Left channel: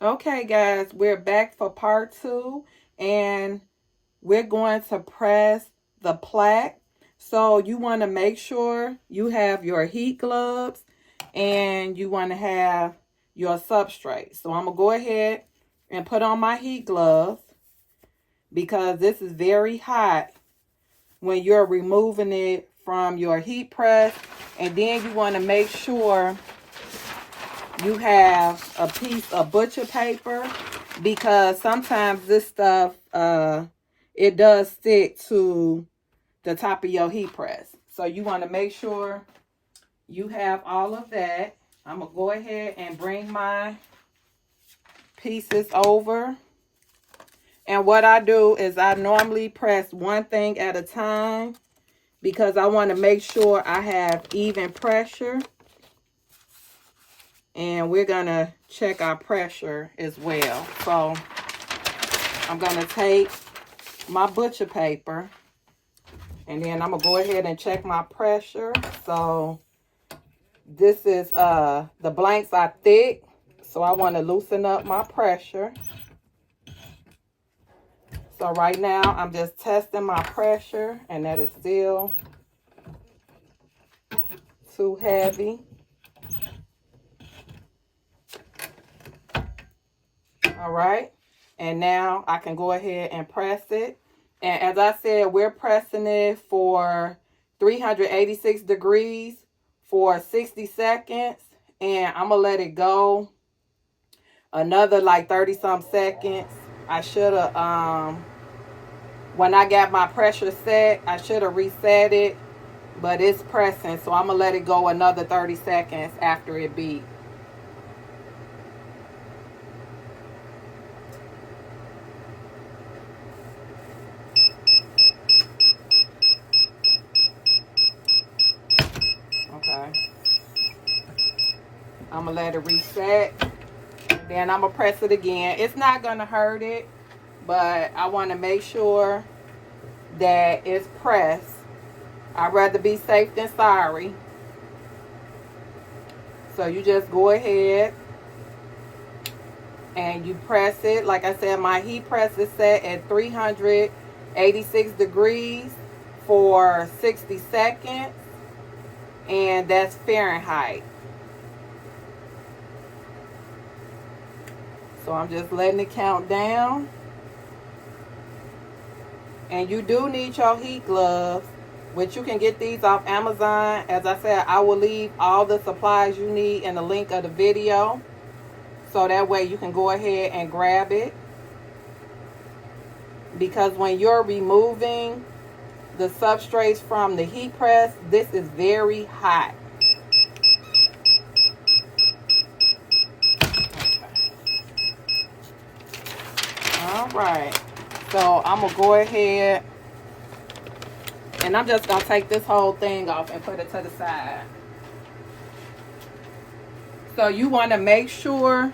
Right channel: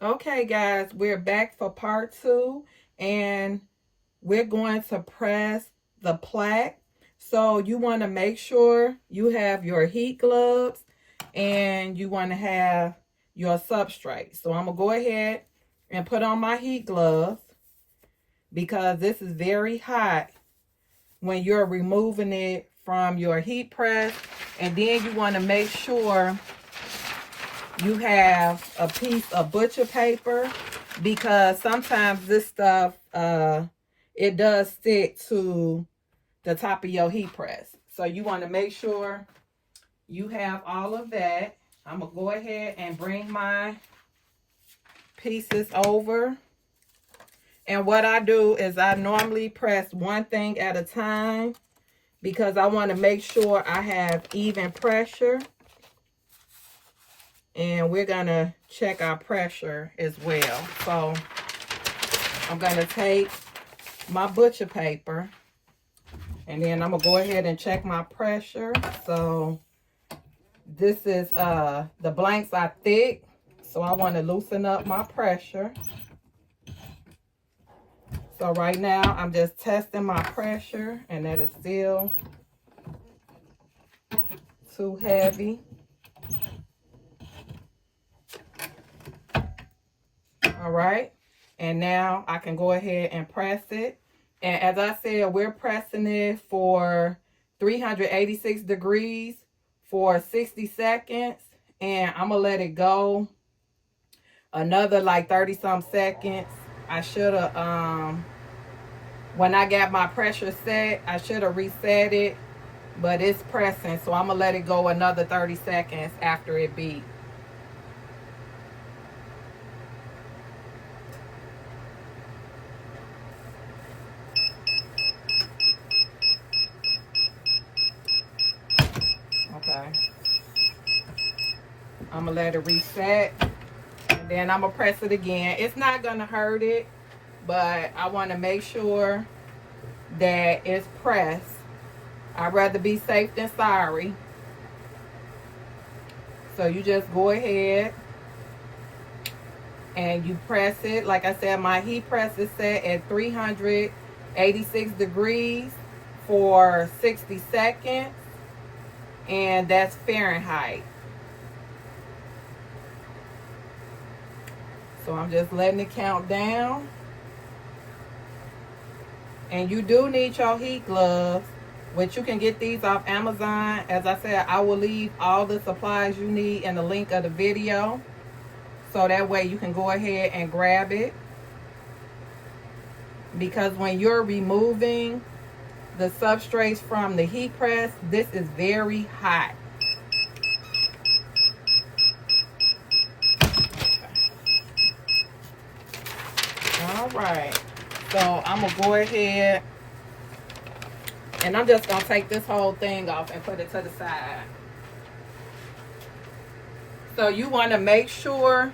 Okay, guys, we're back for part 2, and we're going to press the plaque. So you want to make sure you have your heat gloves and you want to have your substrate. So I'm going to go ahead and put on my heat gloves because this is very hot when you're removing it from your heat press. And then you want to make sure you have a piece of butcher paper because sometimes this stuff, it does stick to the top of your heat press. So you want to make sure you have all of that. I'm going to go ahead and bring my pieces over. And what I do is I normally press one thing at a time because I want to make sure I have even pressure. And we're going to check our pressure as well. So I'm going to take my butcher paper and then I'm going to go ahead and check my pressure. So this is, the blanks are thick. So I want to loosen up my pressure. So right now I'm just testing my pressure and that is still too heavy. All right, and now I can go ahead and press it. And as I said, we're pressing it for 386 degrees for 60 seconds. And I'm going to let it go another like 30 some seconds. I should have, when I got my pressure set, I should have reset it. But it's pressing, so I'm going to let it go another 30 seconds after it beeps. Okay. I'm going to let it reset. And then I'm going to press it again. It's not going to hurt it, but I want to make sure that it's pressed. I'd rather be safe than sorry. So you just go ahead and you press it. Like I said, my heat press is set at 386 degrees for 60 seconds. And that's Fahrenheit. So I'm just letting it count down. And you do need your heat gloves, which you can get these off Amazon. As I said, I will leave all the supplies you need in the link of the video. So that way you can go ahead and grab it. Because when you're removing the substrates from the heat press, this is very hot. All right. So I'm going to go ahead and I'm just going to take this whole thing off and put it to the side. So you want to make sure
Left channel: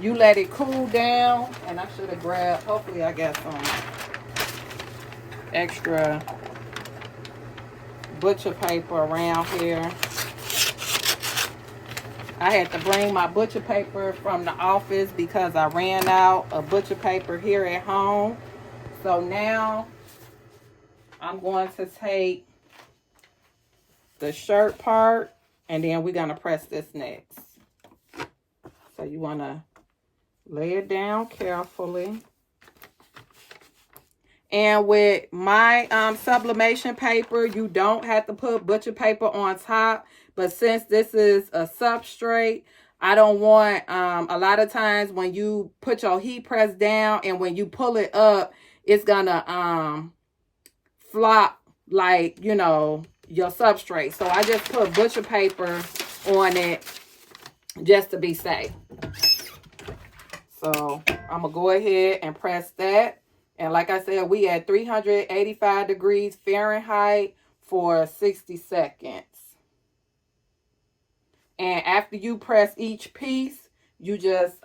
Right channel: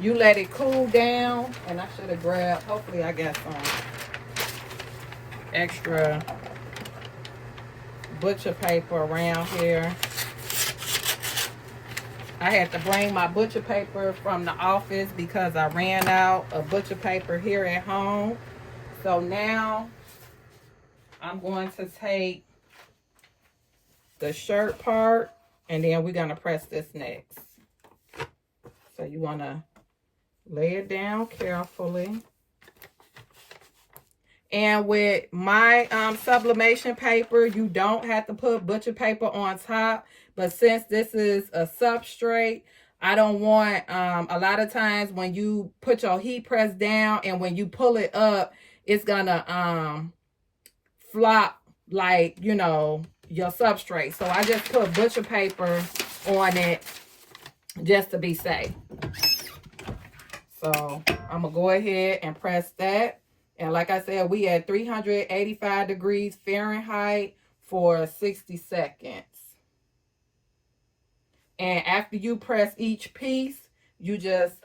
you let it cool down. And I should have grabbed, hopefully I got some extra butcher paper around here. I had to bring my butcher paper from the office because I ran out of butcher paper here at home. So now I'm going to take the shirt part and then we're going to press this next. So you want to lay it down carefully. And with my sublimation paper, you don't have to put butcher paper on top. But since this is a substrate, I don't want, a lot of times when you put your heat press down and when you pull it up, it's gonna flop like, you know, your substrate. So I just put butcher paper on it just to be safe. So I'm gonna go ahead and press that. And like I said, we at 385 degrees Fahrenheit for 60 seconds. And after you press each piece, you just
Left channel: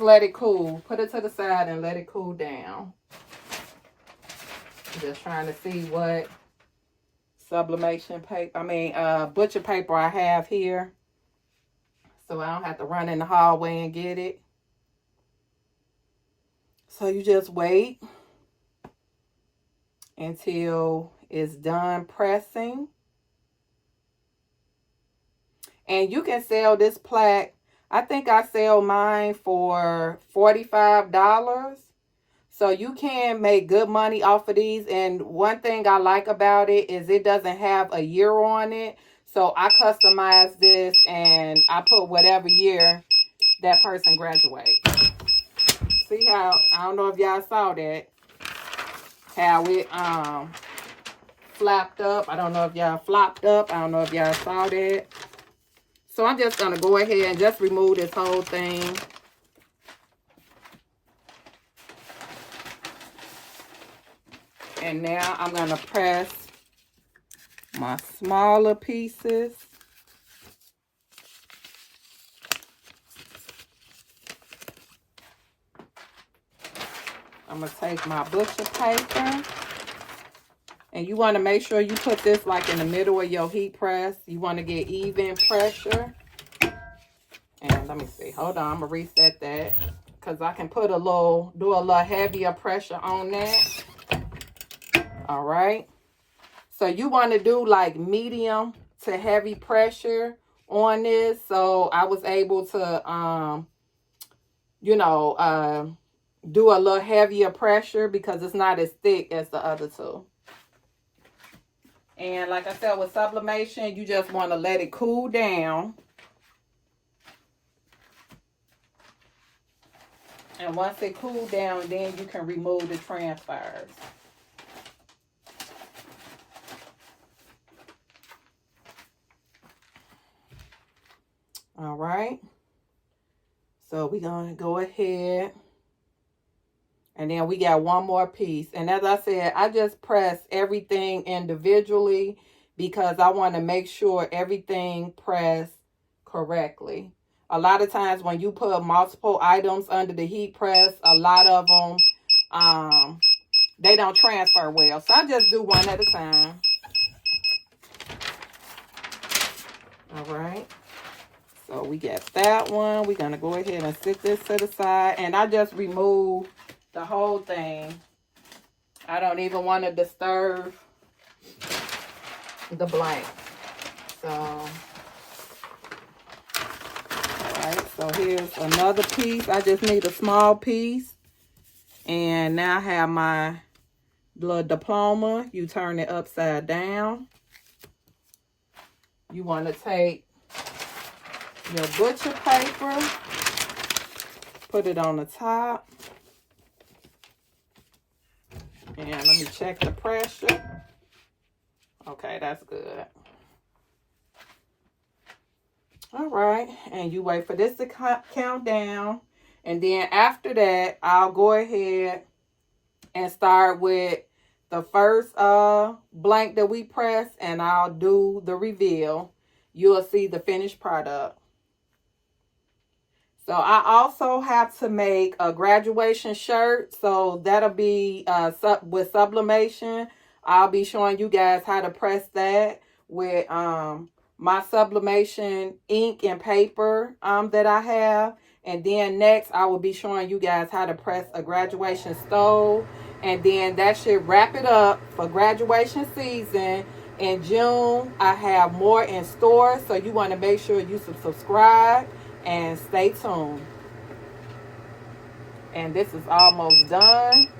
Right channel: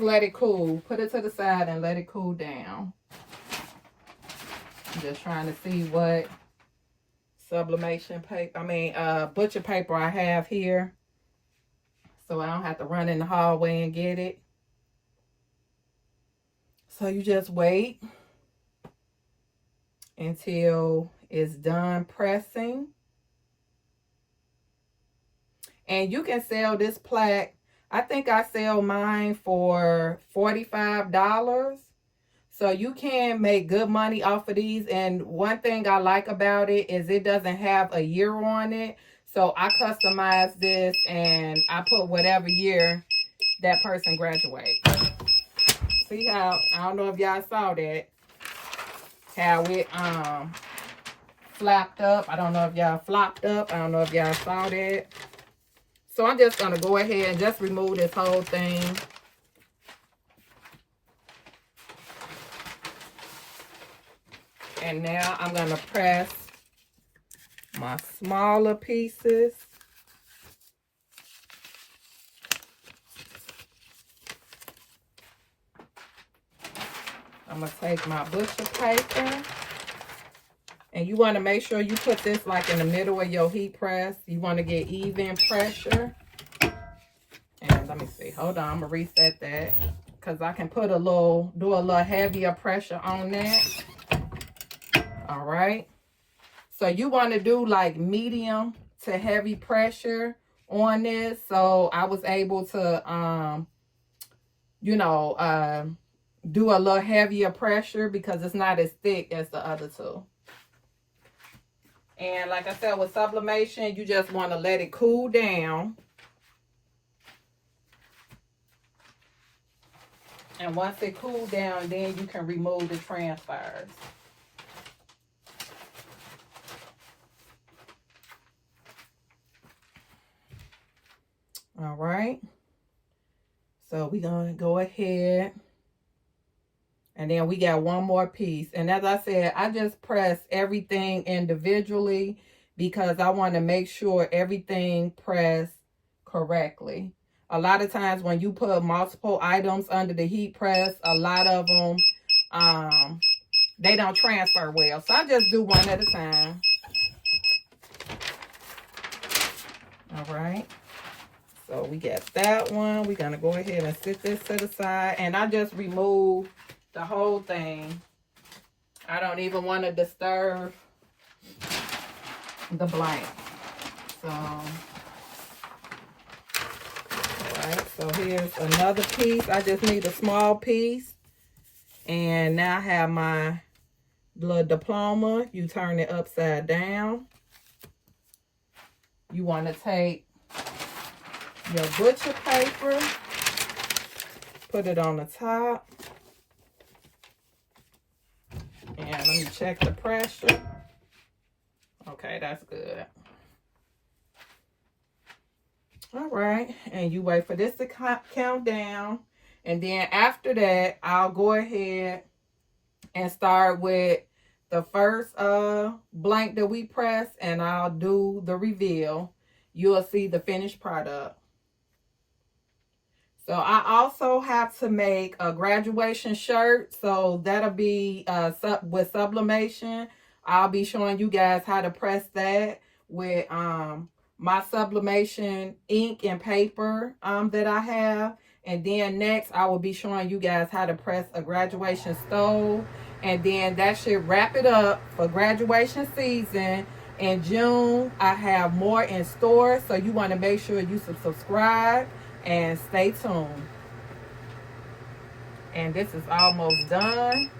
let it cool. Put it to the side and let it cool down. I'm just trying to see what sublimation paper, butcher paper I have here. so I don't have to run in the hallway and get it. So you just wait until it's done pressing. And you can sell this plaque. I think I sell mine for $45. So you can make good money off of these. And one thing I like about it is it doesn't have a year on it. So I customize this and I put whatever year that person graduates. See how, I don't know if y'all saw that, how it flapped up. I don't know if y'all flopped up. I don't know if y'all saw that. So I'm just going to go ahead and just remove this whole thing. And now I'm going to press my smaller pieces. I'm going to take my butcher paper. And you want to make sure you put this like in the middle of your heat press. You want to get even pressure. And let me see. Hold on. I'm going to reset that. Because I can put do a little heavier pressure on that. All right. So you want to do like medium to heavy pressure on this. So I was able to, do a little heavier pressure because it's not as thick as the other two. And like I said, with sublimation, you just want to let it cool down. And once it cools down, then you can remove the transfers. All right. So we're going to go ahead. And then we got one more piece. And as I said, I just press everything individually because I want to make sure everything pressed correctly. A lot of times when you put multiple items under the heat press, a lot of them, they don't transfer well. So I just do one at a time. All right. So we got that one. We're going to go ahead and sit this to the side. And I just remove the whole thing. I don't even want to disturb the blank. So, alright, so here's another piece. I just need a small piece. And now I have my little diploma. You turn it upside down. You want to take your butcher paper, put it on the top. And let me check the pressure. Okay, that's good. All right, and you wait for this to count down. And then after that, I'll go ahead and start with the first blank that we press, and I'll do the reveal. You'll see the finished product. So I also have to make a graduation shirt. So that'll be with sublimation. I'll be showing you guys how to press that with my sublimation ink and paper that I have. And then next I will be showing you guys how to press a graduation stole. And then that should wrap it up for graduation season. In June, I have more in store. So you want to make sure you subscribe. And stay tuned. And this is almost done.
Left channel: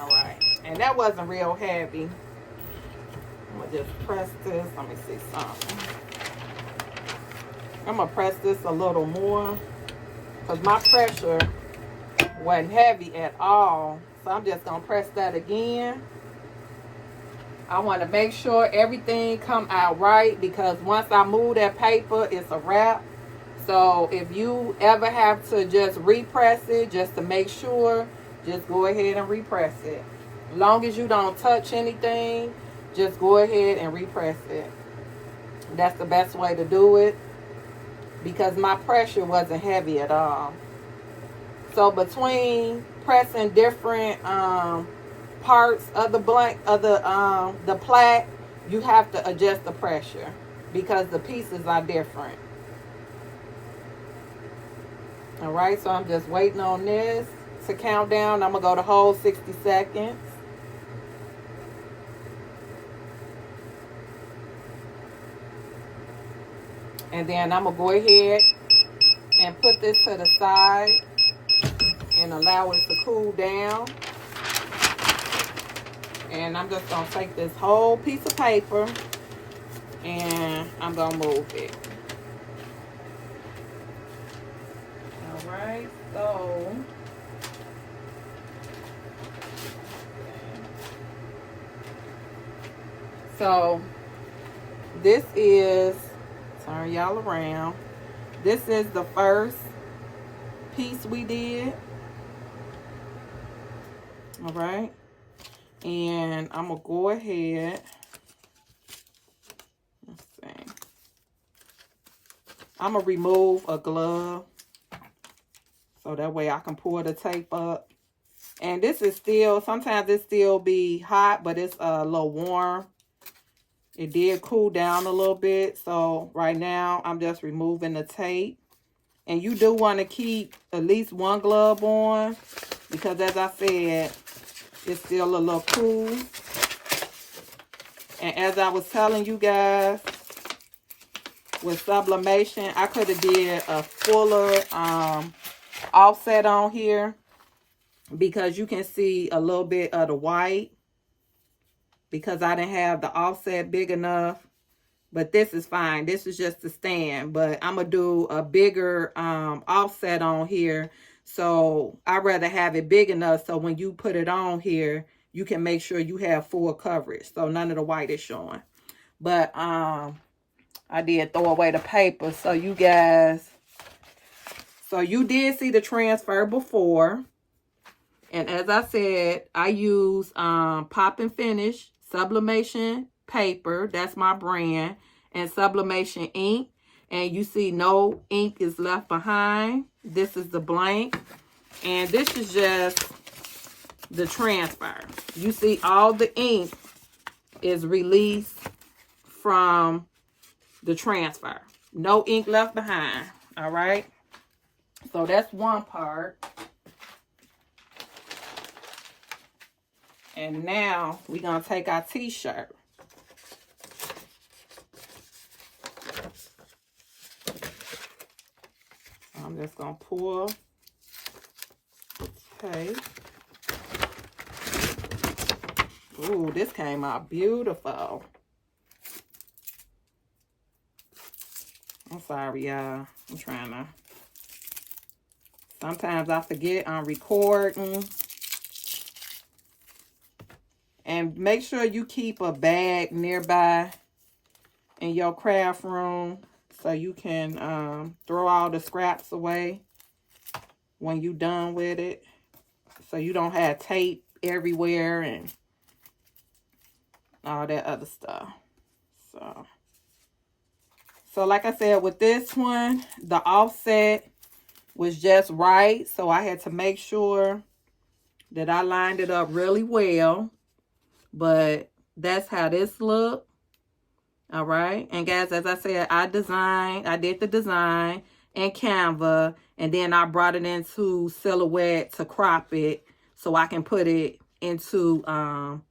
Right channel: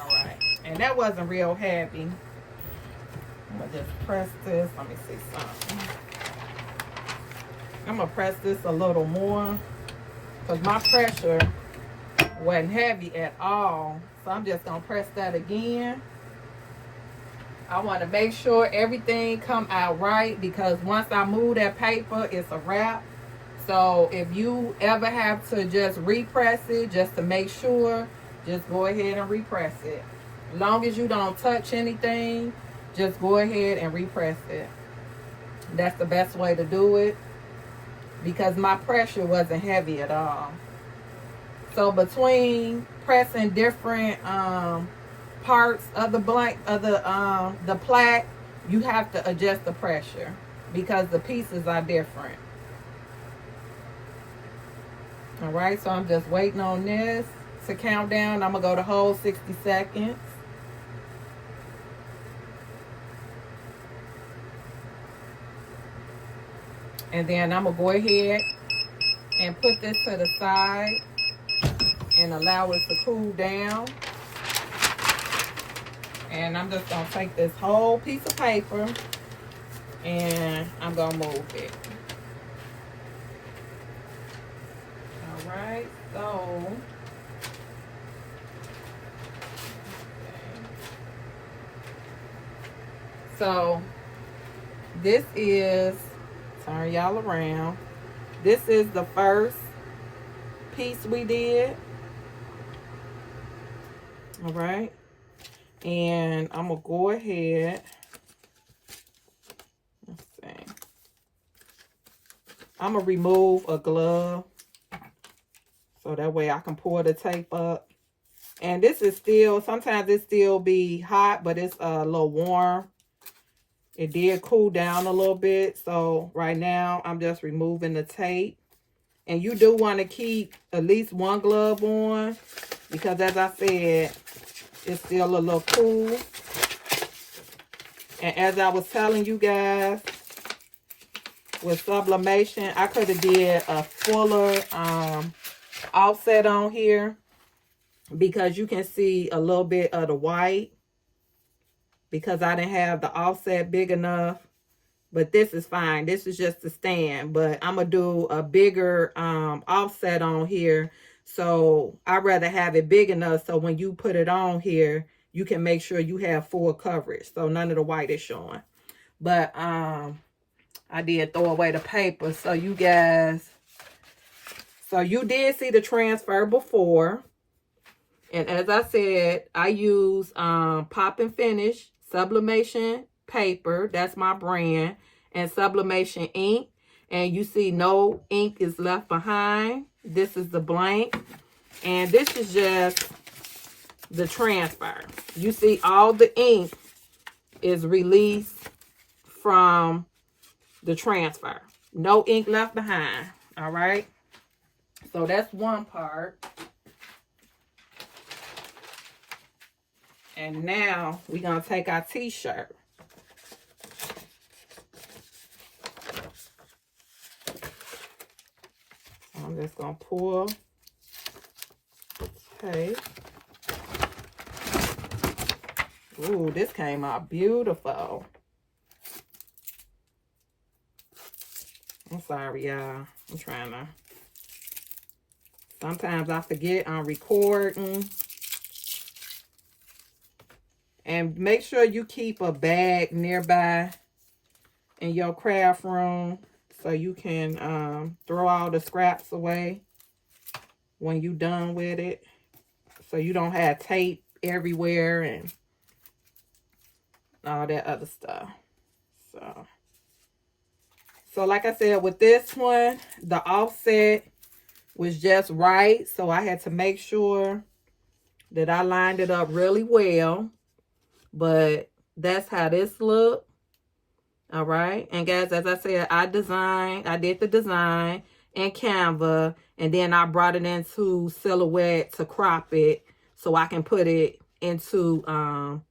All right. And that wasn't real heavy. I'm going to just press this. Let me see something. I'm going to press this a little more. Because my pressure wasn't heavy at all. So I'm just going to press that again. I want to make sure everything come out right because once I move that paper, it's a wrap. So if you ever have to just repress it, just to make sure, just go ahead and repress it. As long as you don't touch anything, just go ahead and repress it. That's the best way to do it because my pressure wasn't heavy at all. So between pressing different parts of the blank of the plaque, you have to adjust the pressure. because the pieces are different. All right, so I'm just waiting on this to count down. I'm going to go the whole 60 seconds. And then I'm going to go ahead and put this to the side and allow it to cool down. And I'm just going to take this whole piece of paper and I'm going to move it. All right, so this is, turn y'all around. This is the first piece we did. All right. And I'm going to go ahead. Let's see. I'm going to remove a glove so that way I can pull the tape up. And this is still, sometimes it still be hot, but it's a little warm. It did cool down a little bit. So right now I'm just removing the tape. And you do want to keep at least one glove on because as I said, it's still a little cool. And as I was telling you guys, with sublimation, I could have did a fuller offset on here because you can see a little bit of the white because I didn't have the offset big enough. But this is fine. This is just the stand. But I'm going to do a bigger offset on here. So I'd rather have it big enough so when you put it on here, you can make sure you have full coverage. So none of the white is showing. But I did throw away the paper. So you guys, so you did see the transfer before. And as I said, I use Pop and Finish Sublimation paper. That's my brand. And Sublimation ink. And you see no ink is left behind. This is the blank. And this is just the transfer. You see all the ink is released from the transfer. No ink left behind. All right. So that's one part. And now we're going to take our t-shirt. I'm just going to pull the tape. Ooh, this came out beautiful. I'm sorry, y'all. I'm trying to. Sometimes I forget I'm recording. And make sure you keep a bag nearby in your craft room so you can throw all the scraps away when you're done with it. So you don't have tape everywhere and all that other stuff. So like I said, with this one, the offset was just right. So I had to make sure that I lined it up really well. But that's how this look. All right. And guys, as I said, I did the design in Canva. And then I brought it into Silhouette to crop it so I can put it into,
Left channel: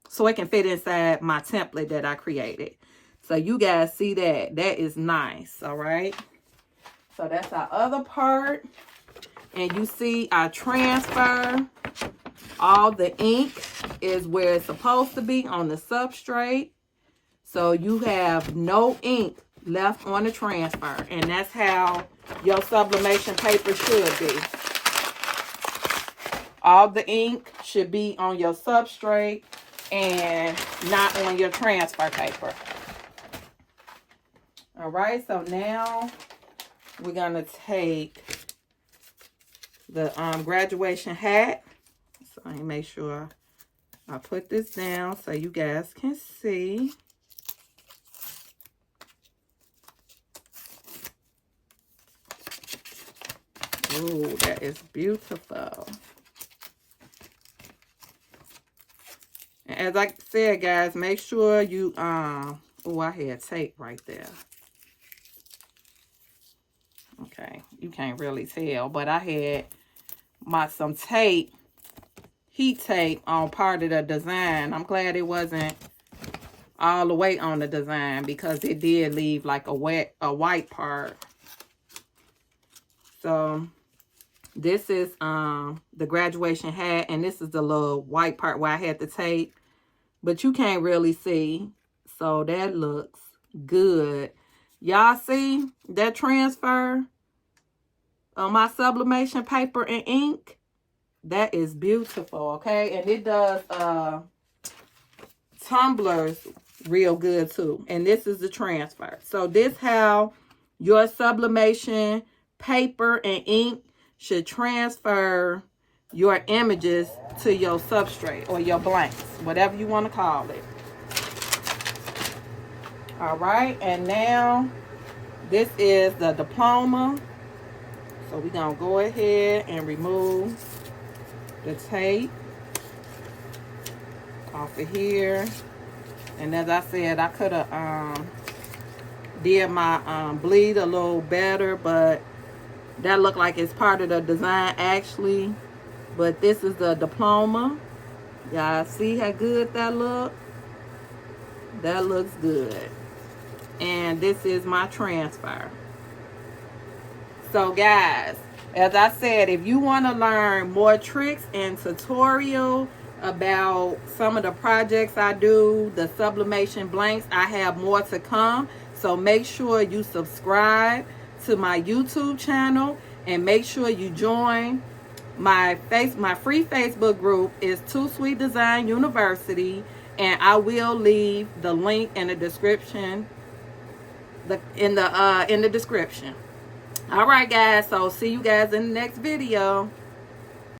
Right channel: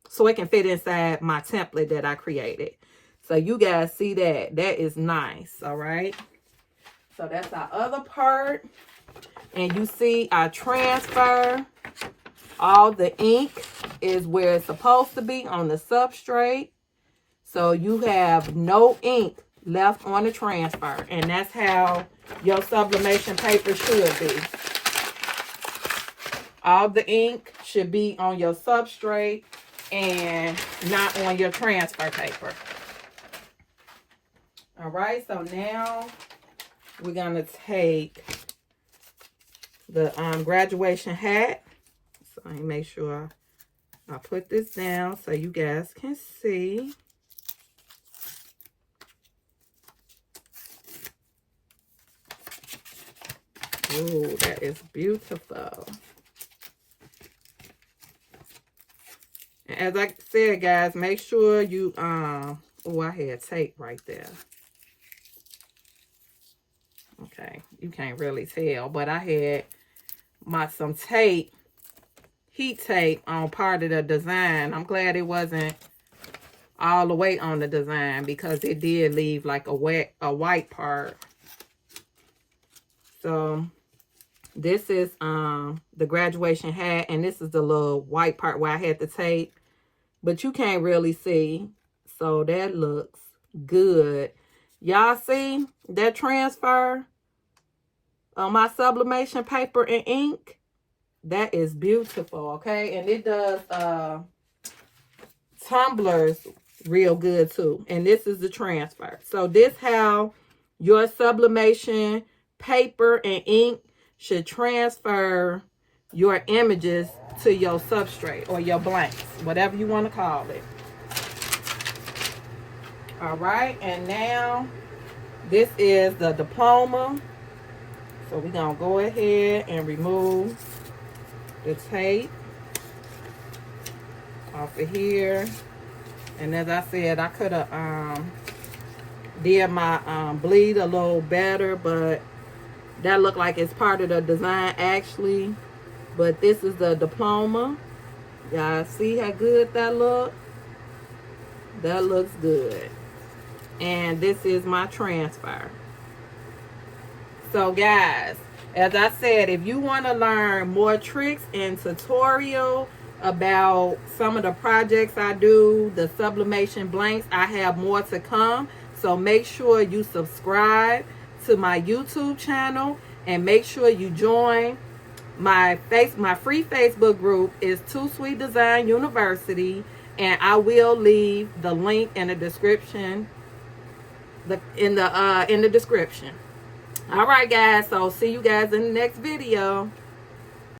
so it can fit inside my template that I created. So you guys see that. That is nice. All right. So that's our other part. And you see our transfer. All the ink is where it's supposed to be on the substrate. So you have no ink left on the transfer. And that's how your sublimation paper should be. All the ink should be on your substrate and not on your transfer paper. All right, so now we're going to take the graduation hat. So let me make sure I put this down so you guys can see. Ooh, that is beautiful. And as I said, guys, make sure you, oh, I had tape right there. Okay, you can't really tell, but I had some tape, heat tape on part of the design. I'm glad it wasn't all the way on the design because it did leave like a white part. So this is the graduation hat, and this is the little white part where I had the tape, but you can't really see. So that looks good. Y'all see that transfer on my sublimation paper and ink? That is beautiful, okay? And it does tumblers real good too. And this is the transfer. So this how your sublimation paper and ink should transfer your images to your substrate or your blanks, whatever you want to call it. All right, and now this is the diploma. So we're gonna go ahead and remove the tape off of here. And as I said, I could have did my bleed a little better, but that looked like it's part of the design actually. But this is the diploma. Y'all see how good that look? That looks good. And this is my transfer. So guys, as I said, if you want to learn more tricks and tutorial about some of the projects I do, the sublimation blanks, I have more to come. So make sure you subscribe to my YouTube channel and make sure you join my free Facebook group is Too Sweet Design University, and I will leave the link in the description. In the description. All right, guys. So see you guys in the next video.